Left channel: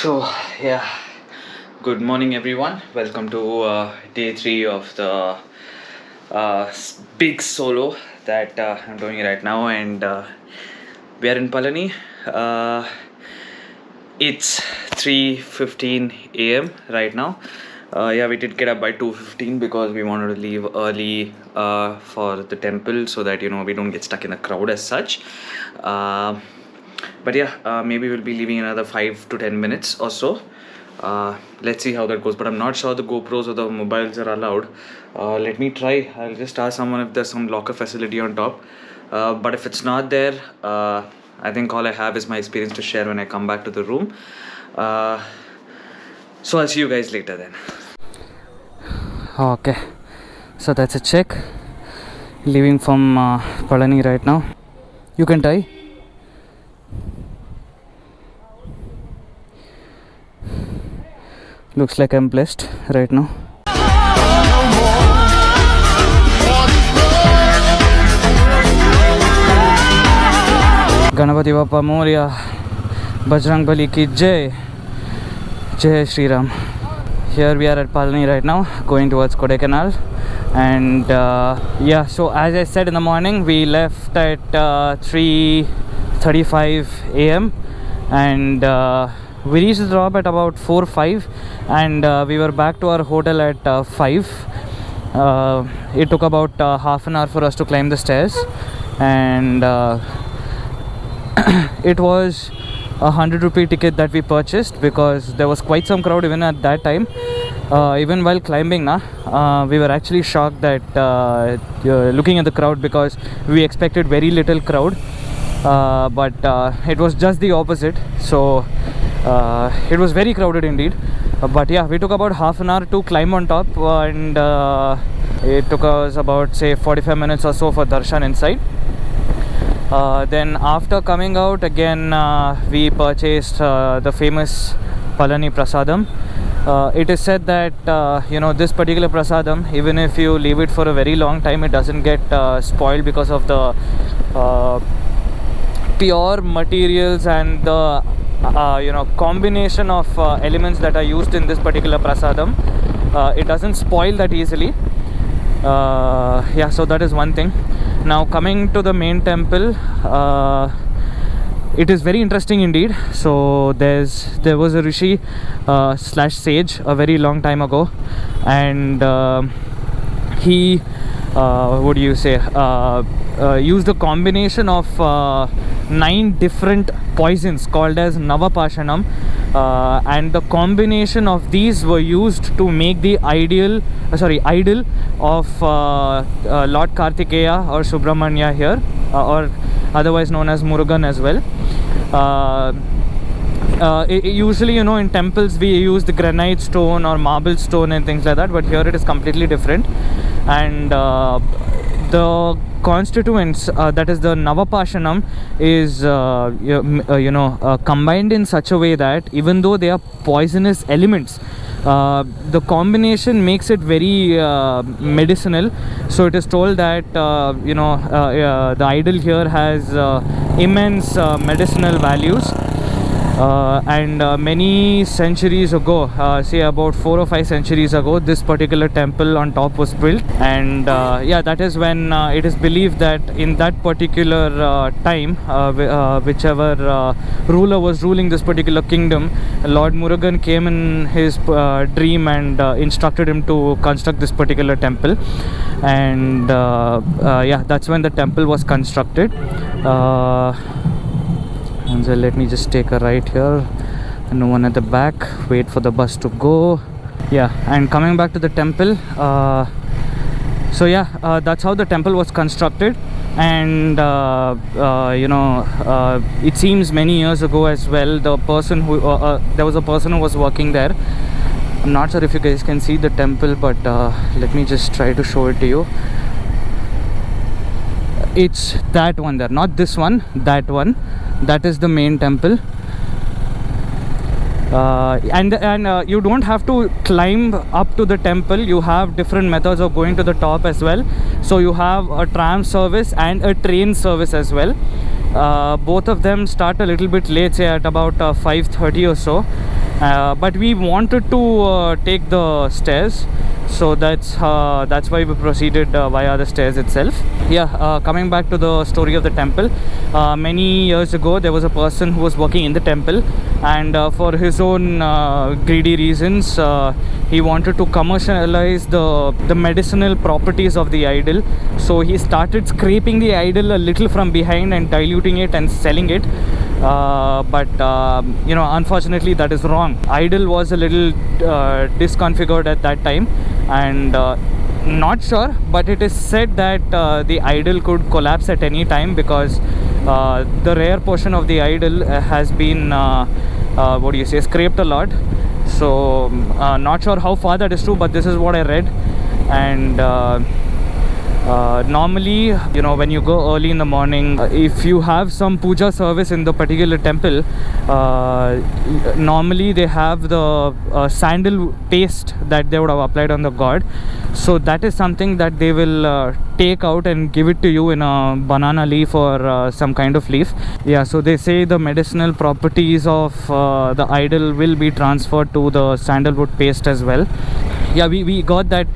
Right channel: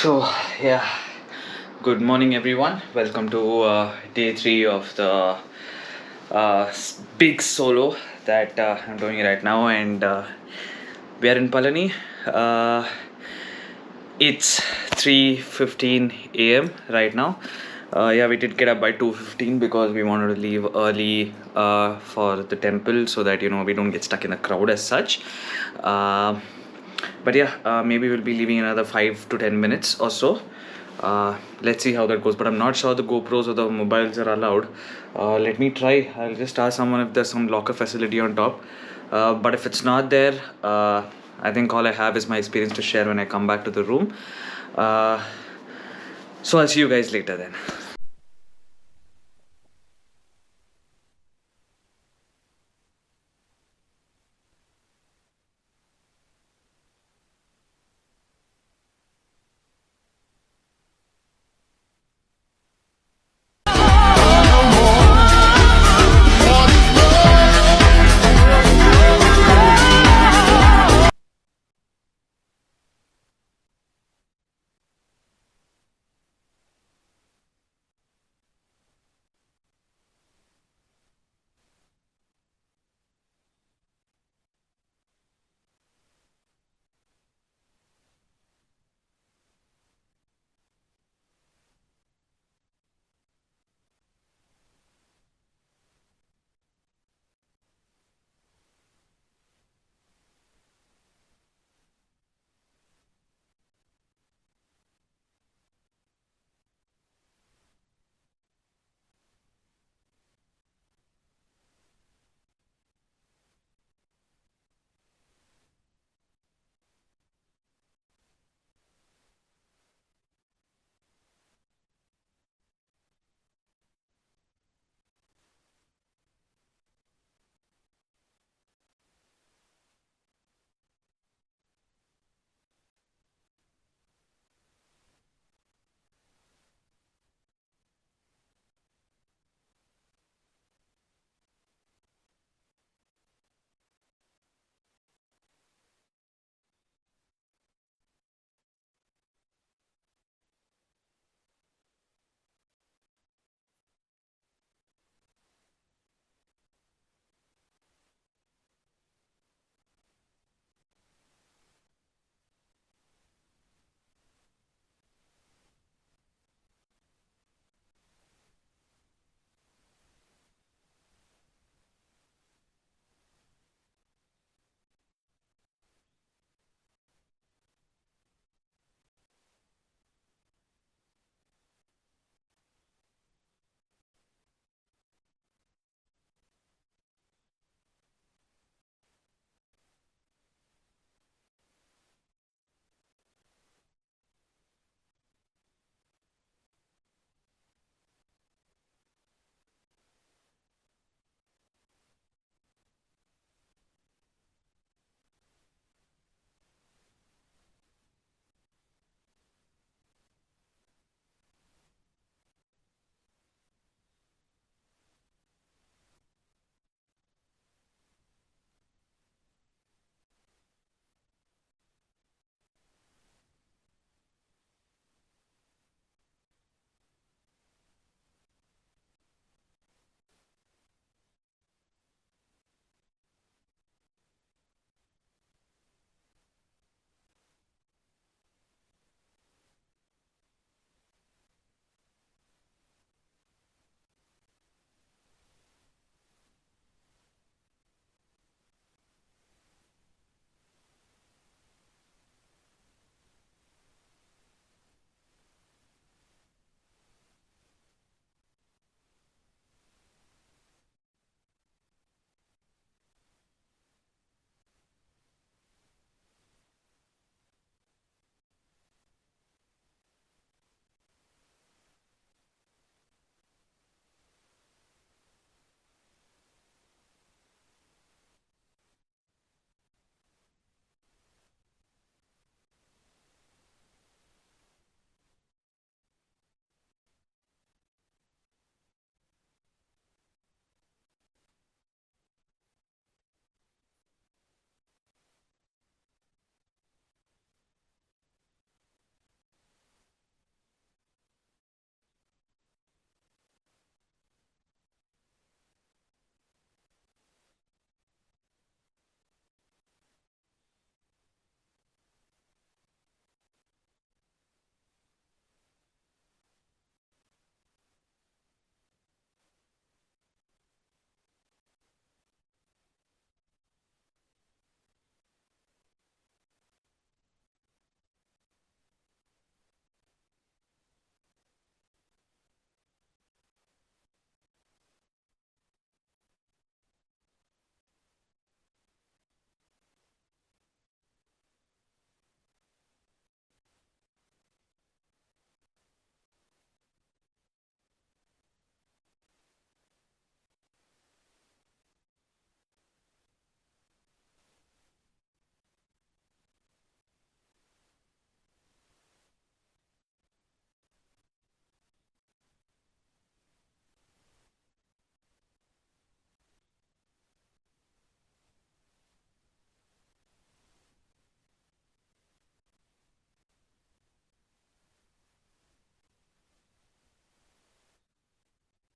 So, yeah, good morning everyone. Welcome to day 3 of the big solo that I'm doing right now, and we are in Palani. It's 3:15 a.m. right now. Yeah, we did get up by 2:15 because we wanted to leave early for the temple so that we don't get stuck in the crowd as such. But yeah, maybe we'll be leaving another 5 to 10 minutes or so. Let's see how that goes, but I'm not sure the GoPros or the mobiles are allowed. Let me try. I'll just ask someone if there's some locker facility on top. But if it's not there, I think all I have is my experience to share when I come back to the room. So I'll see you guys later then. Okay, so that's a check. Leaving from Palani right now. You can tie. Looks like I'm blessed right now. Ganapati Bappa Moria, Bajrang Bali ki Jai, Jai Shri Ram. Here we are at Palani right now, going towards Kodaikanal. And yeah, so as I said in the morning, we left at 3:35 a.m. and we reached the drop at about 4:05, and we were back to our hotel at 5. It took about half an hour for us to climb the stairs, and it was a 100 rupee ticket that we purchased because there was quite some crowd even at that time. Even while climbing, we were actually shocked that looking at the crowd, because we expected very little crowd, but it was just the opposite. So it was very crowded indeed. But yeah, we took about half an hour to climb on top, and it took us about, say, 45 minutes or so for darshan inside. Then after coming out again, we purchased the famous Palani Prasadam. It is said that this particular prasadam, even if you leave it for a very long time, it doesn't get spoiled because of the pure materials and the combination of elements that are used in this particular prasadam. It doesn't spoil that easily. Yeah, so that is one thing. Now coming to the main temple, it is very interesting indeed. So there was a rishi slash sage a very long time ago, and he used a combination of 9 different poisons called as Navapashanam, and the combination of these were used to make the idol of Lord Kartikeya or Subramanya here, or otherwise known as Murugan as well. Usually, in temples we use the granite stone or marble stone and things like that, but here it is completely different. And the constituents, that is the Navapashanam, is combined in such a way that even though they are poisonous elements, the combination makes it very medicinal. So it is told that the idol here has immense medicinal values. And many centuries ago, say about 4 or 5 centuries ago, this particular temple on top was built. And yeah, that is when it is believed that in that particular time, whichever ruler was ruling this particular kingdom, Lord Murugan came in his dream and instructed him to construct this particular temple. And yeah, that's when the temple was constructed. And so let me just take a right here. No one at the back. Wait for the bus to go. Yeah, and coming back to the temple. So yeah, that's how the temple was constructed. And it seems many years ago as well, the person who there was a person who was working there. I'm not sure if you guys can see the temple, but let me just try to show it to you. It's that one there, not this one, that one. That is the main temple. And you don't have to climb up to the temple. You have different methods of going to the top as well. So you have a tram service and a train service as well. Both of them start a little bit late, say at about 5:30 or so. but we wanted to take the stairs, so that's why we proceeded via the stairs itself. Yeah, coming back to the story of the temple, many years ago there was a person who was working in the temple, and for his own greedy reasons, he wanted to commercialize the medicinal properties of the idol. So he started scraping the idol a little from behind and diluting it and selling it. But unfortunately that is wrong. Idol was a little disconfigured at that time, and not sure, but it is said that the idol could collapse at any time, because the rear portion of the idol has been scraped a lot. So not sure how far that is true, but this is what I read. And normally, when you go early in the morning, if you have some puja service in the particular temple, normally they have the sandal paste that they would have applied on the god. So that is something that they will take out and give it to you in a banana leaf or some kind of leaf. Yeah, so they say the medicinal properties of the idol will be transferred to the sandalwood paste as well. Yeah, we got that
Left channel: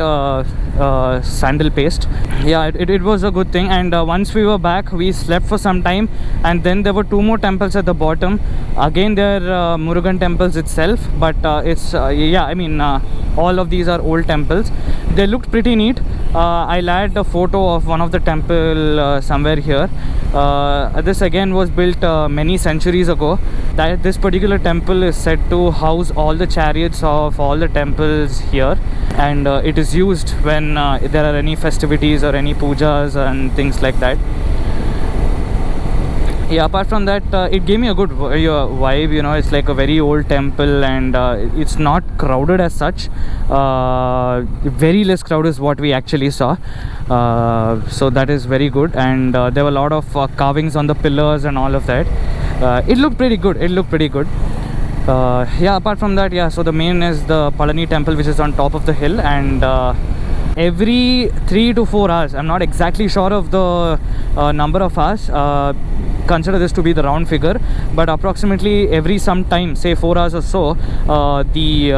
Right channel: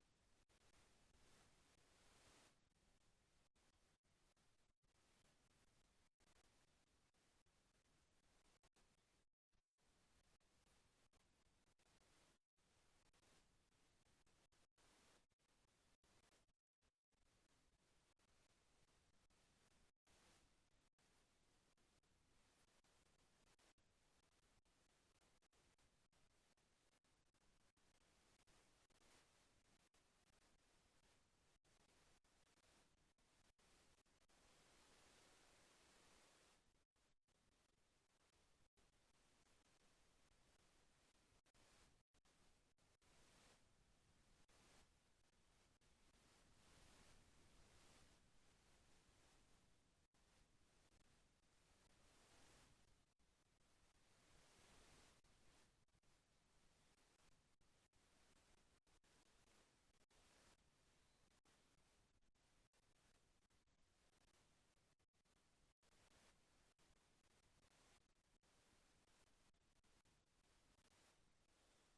sandal paste. Yeah, it was a good thing. And once we were back, we slept for some time, and then there were two more temples at the bottom. Again, they're Murugan temples itself, but it's all of these are old temples. They looked pretty neat. I'll add a photo of one of the temple somewhere here. This again was built many centuries ago. This particular temple is said to house all the chariots of all the temples here, and it is used when there are any festivities or any pujas and things like that. Yeah, apart from that, it gave me a good vibe. It's like a very old temple, and it's not crowded as such. Very less crowd is what we actually saw. So that is very good. And there were a lot of carvings on the pillars and all of that. It looked pretty good. Yeah, apart from that, yeah, so the main is the Palani Temple, which is on top of the hill, and every 3 to 4 hours, I'm not exactly sure of the number of hours, consider this to be the round figure, but approximately every some time, say 4 hours or so, the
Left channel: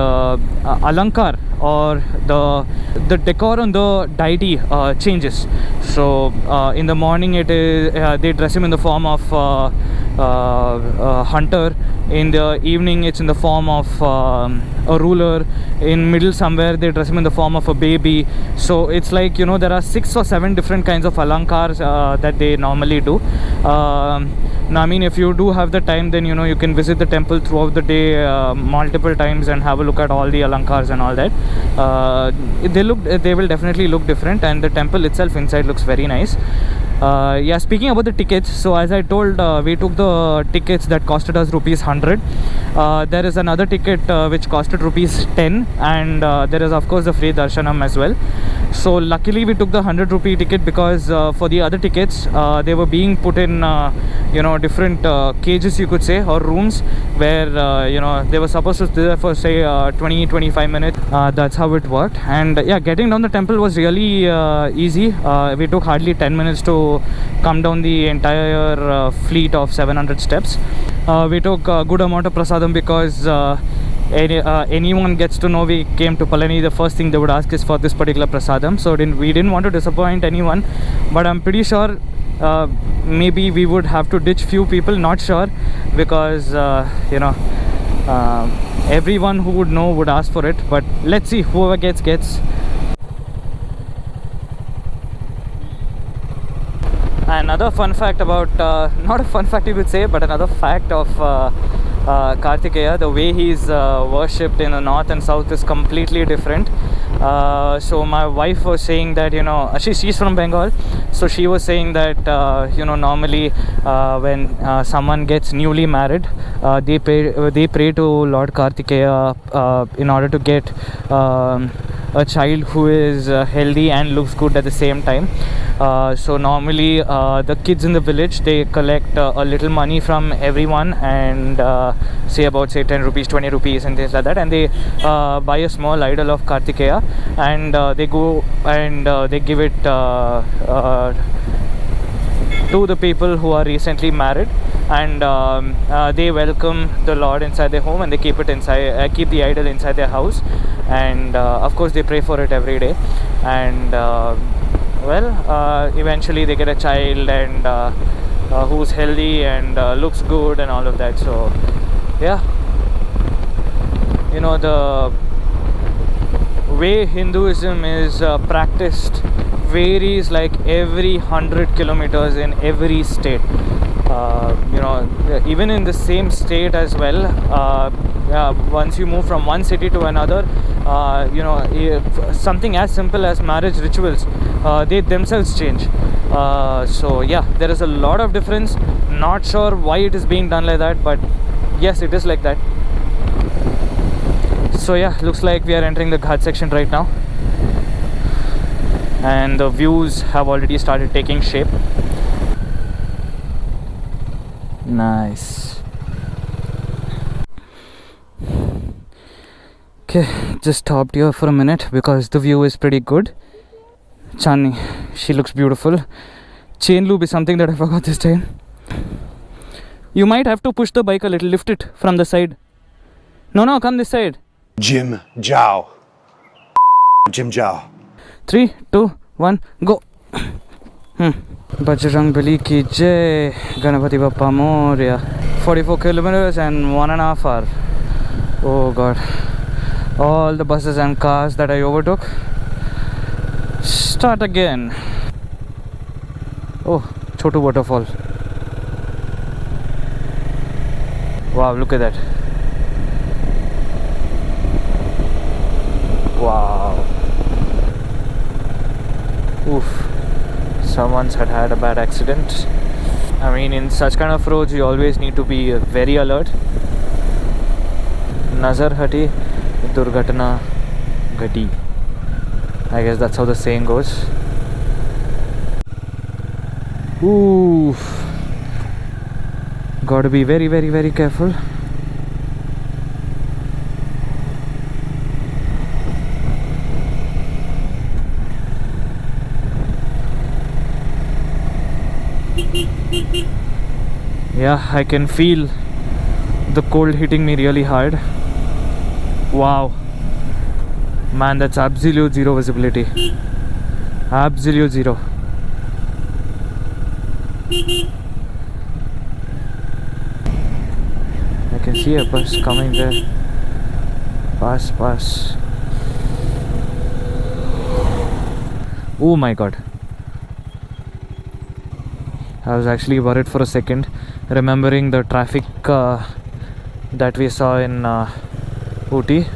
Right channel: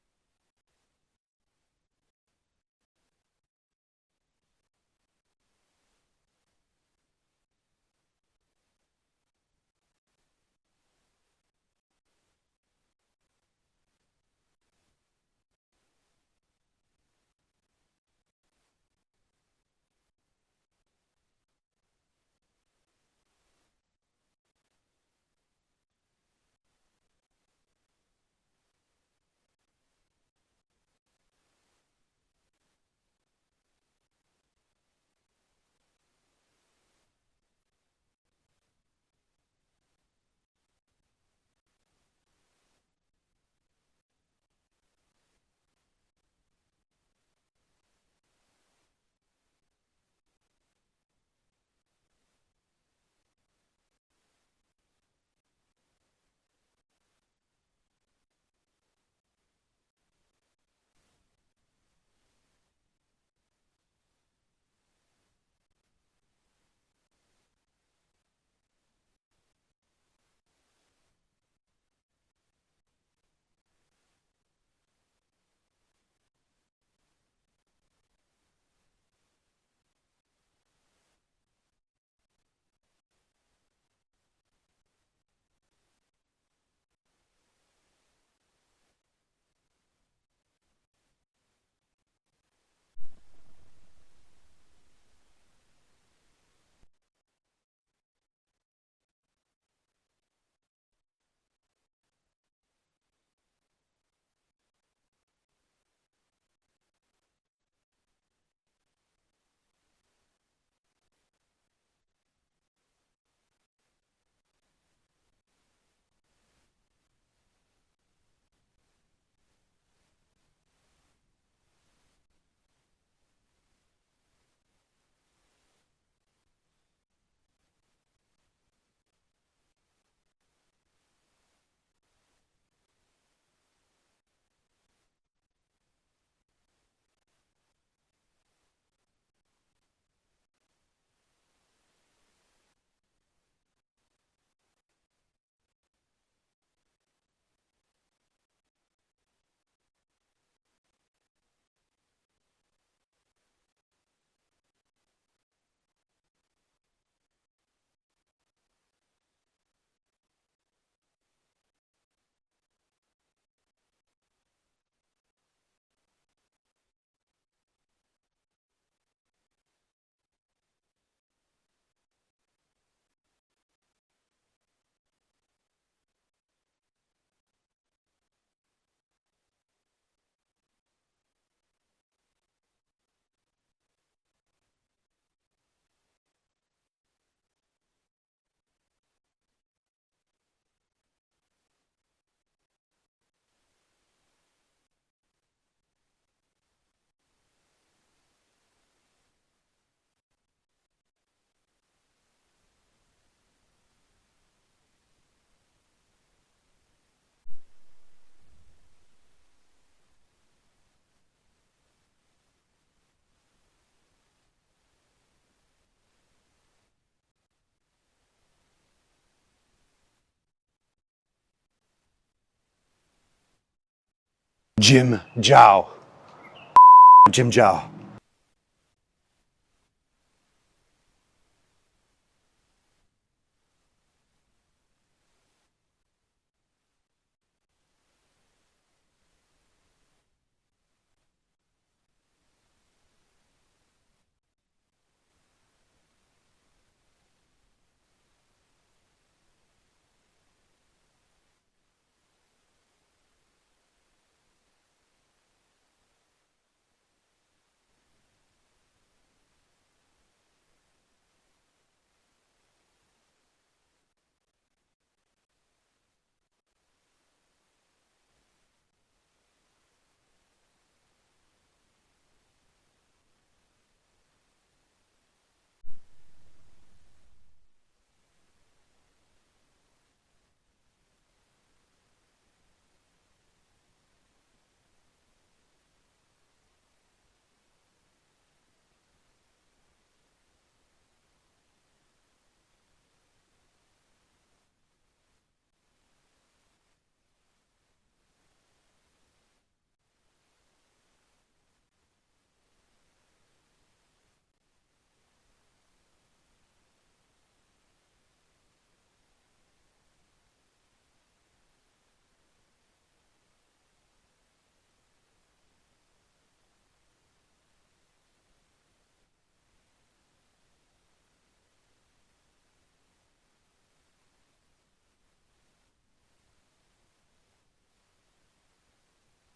alankar or the decor on the deity changes. So in the morning it is they dress him in the form of hunter. In the evening it's in the form of a ruler. In middle somewhere they dress him in the form of a baby. So it's like, there are 6 or 7 different kinds of alankars that they normally do. Now, I mean, if you do have the time, then you can visit the temple throughout the day multiple times and have a look at all the alankars and all that. They will definitely look different, and the temple itself inside looks very nice. Yeah, speaking about the tickets, so as I told, we took the tickets that costed us ₹100. There is another ticket which costed ₹10, and there is of course the free darshanam as well. So luckily we took the ₹100 ticket, because for the other tickets they were being put in different cages, you could say, or rooms, where they were supposed to stay there for say 20-25 minutes. That's how it worked. And yeah, getting down the temple was really easy. We took hardly 10 minutes to come down the entire fleet of 700 steps. We took a good amount of prasadam, because anyone gets to know we came to Palani, the first thing they would ask is for this particular prasadam. So we didn't want to disappoint anyone, but I'm pretty sure maybe we would have to ditch few people, not sure, because everyone who would know would ask for it. But let's see, whoever gets. Another fun fact about, not a fun fact you could say, but another fact of Kartikeya, the way he's worshipped in the north and south is completely different. So my wife was saying that, she's from Bengal, so she was saying that normally when someone gets newly married, they pray to Lord Kartikeya in order to get a child who is healthy and looks good at the same time. So normally the kids in the village, they collect a little money from everyone, and say 10 rupees, 20 rupees and things like that, and they buy a small idol of Kartikeya, and they go and they give it to the people who are recently married. and they welcome the Lord inside their home, and they keep it inside, keep the idol inside their house, and of course they pray for it every day, and eventually they get a child, and who's healthy and looks good and all of that. So yeah, the way Hinduism is practiced varies like every 100 kilometers in every state. Even in the same state as well, once you move from one city to another, something as simple as marriage rituals, they themselves change. So yeah, there is a lot of difference. Not sure why it is being done like that, but yes, it is like that. So yeah, looks like we are entering the Ghat section right now, and the views have already started taking shape. Nice. Okay, just stopped here for a minute because the view is pretty good. Chandni, she looks beautiful. Chain loop is something that I forgot this time. You might have to push the bike a little, lift it from the side. No, come this side. Jim Jiao. Jim Jiao. 3, 2, 1, go. Bajrang Bali ki jai, Ganapati Bappa Moria. 44 kilometers and 1.5 hours. Oh god. All the buses and cars that I overtook. Start again. Oh, Chotu waterfall. Wow, look at that. Wow. Oof. Someone's had a bad accident. I mean, in such kind of roads, you always need to be very alert. Nazar hati, durghatna ghati. I guess that's how the saying goes. Oof. Gotta be very, very, very careful. Yeah, I can feel the cold hitting me really hard. Wow. Man, that's absolute zero visibility. Absolute zero. I can see a bus coming there. Pass. Oh my god. I was actually worried for a second, remembering the traffic that we saw in Ooty.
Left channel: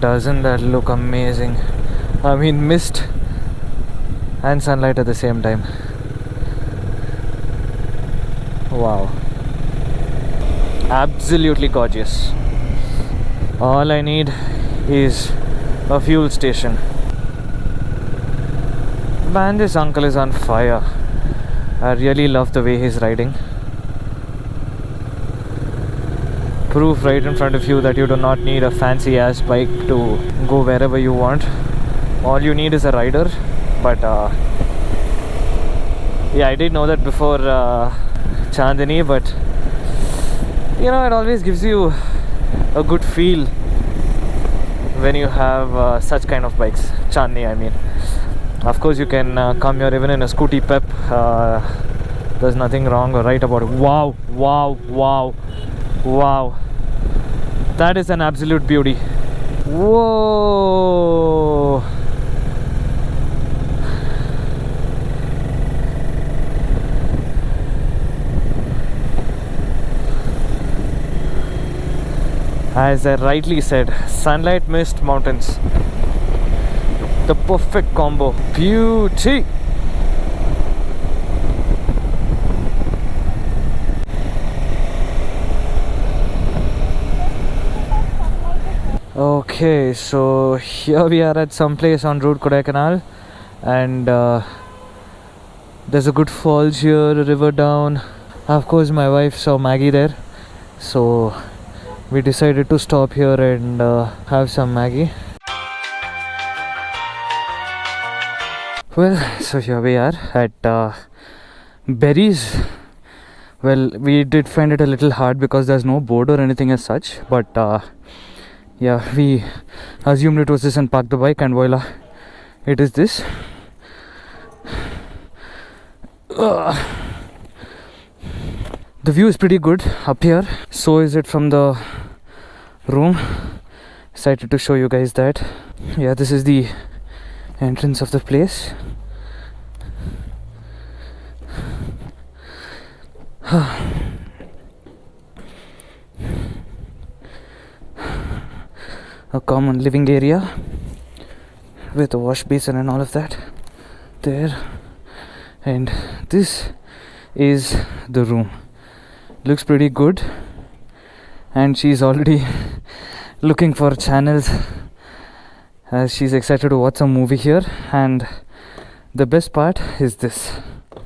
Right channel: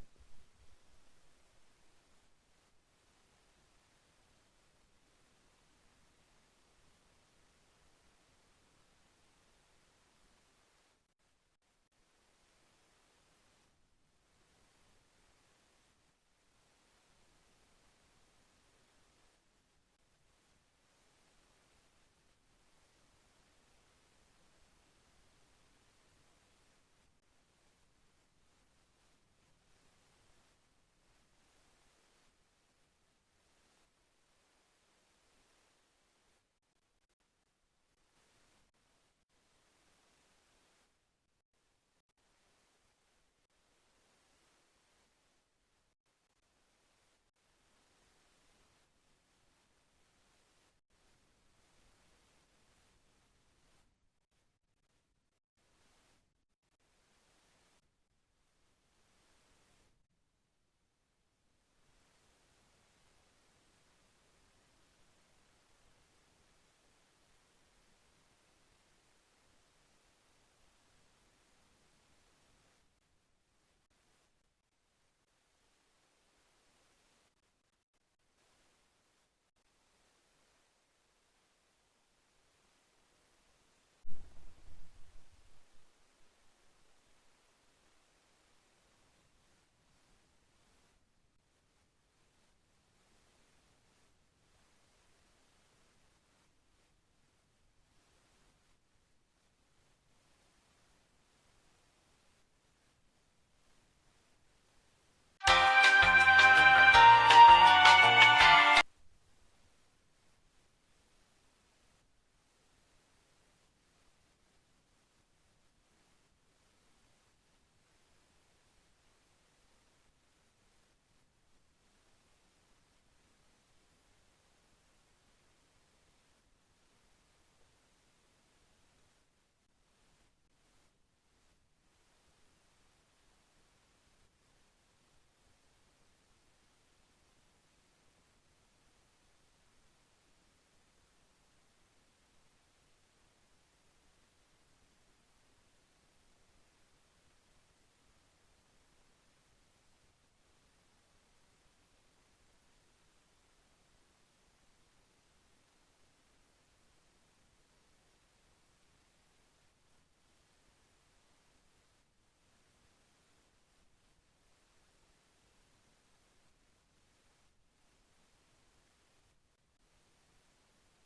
Doesn't that look amazing? I mean, mist and sunlight at the same time. Wow. Absolutely gorgeous. All I need is a fuel station. Man, this uncle is on fire. I really love the way he's riding. Proof right in front of you that you do not need a fancy ass bike to go wherever you want. All you need is a rider. But yeah, I did know that before Chandni, but it always gives you a good feel when you have such kind of bikes. Chandni, I mean. Of course, you can come here even in a scooty pep. There's nothing wrong or right about it. Wow. That is an absolute beauty. Whoa. As I rightly said, sunlight, mist, mountains. The perfect combo. Beauty. Okay, so here we are at some place on route Kodaikanal, and there's a good falls here, a river down. Of course, my wife saw Maggie there, so we decided to stop here and have some Maggie. Well, so here we are at Berries. Well, we did find it a little hard because there's no board or anything as such, but yeah, we assumed it was this and parked the bike, and voila, it is this. The view is pretty good up here. So is it from the room. Excited to show you guys that. Yeah, this is the entrance of the place. A common living area with a wash basin and all of that there, and this is the room. Looks pretty good, and she's already looking for channels as she's excited to watch some movie here. And the best part is this.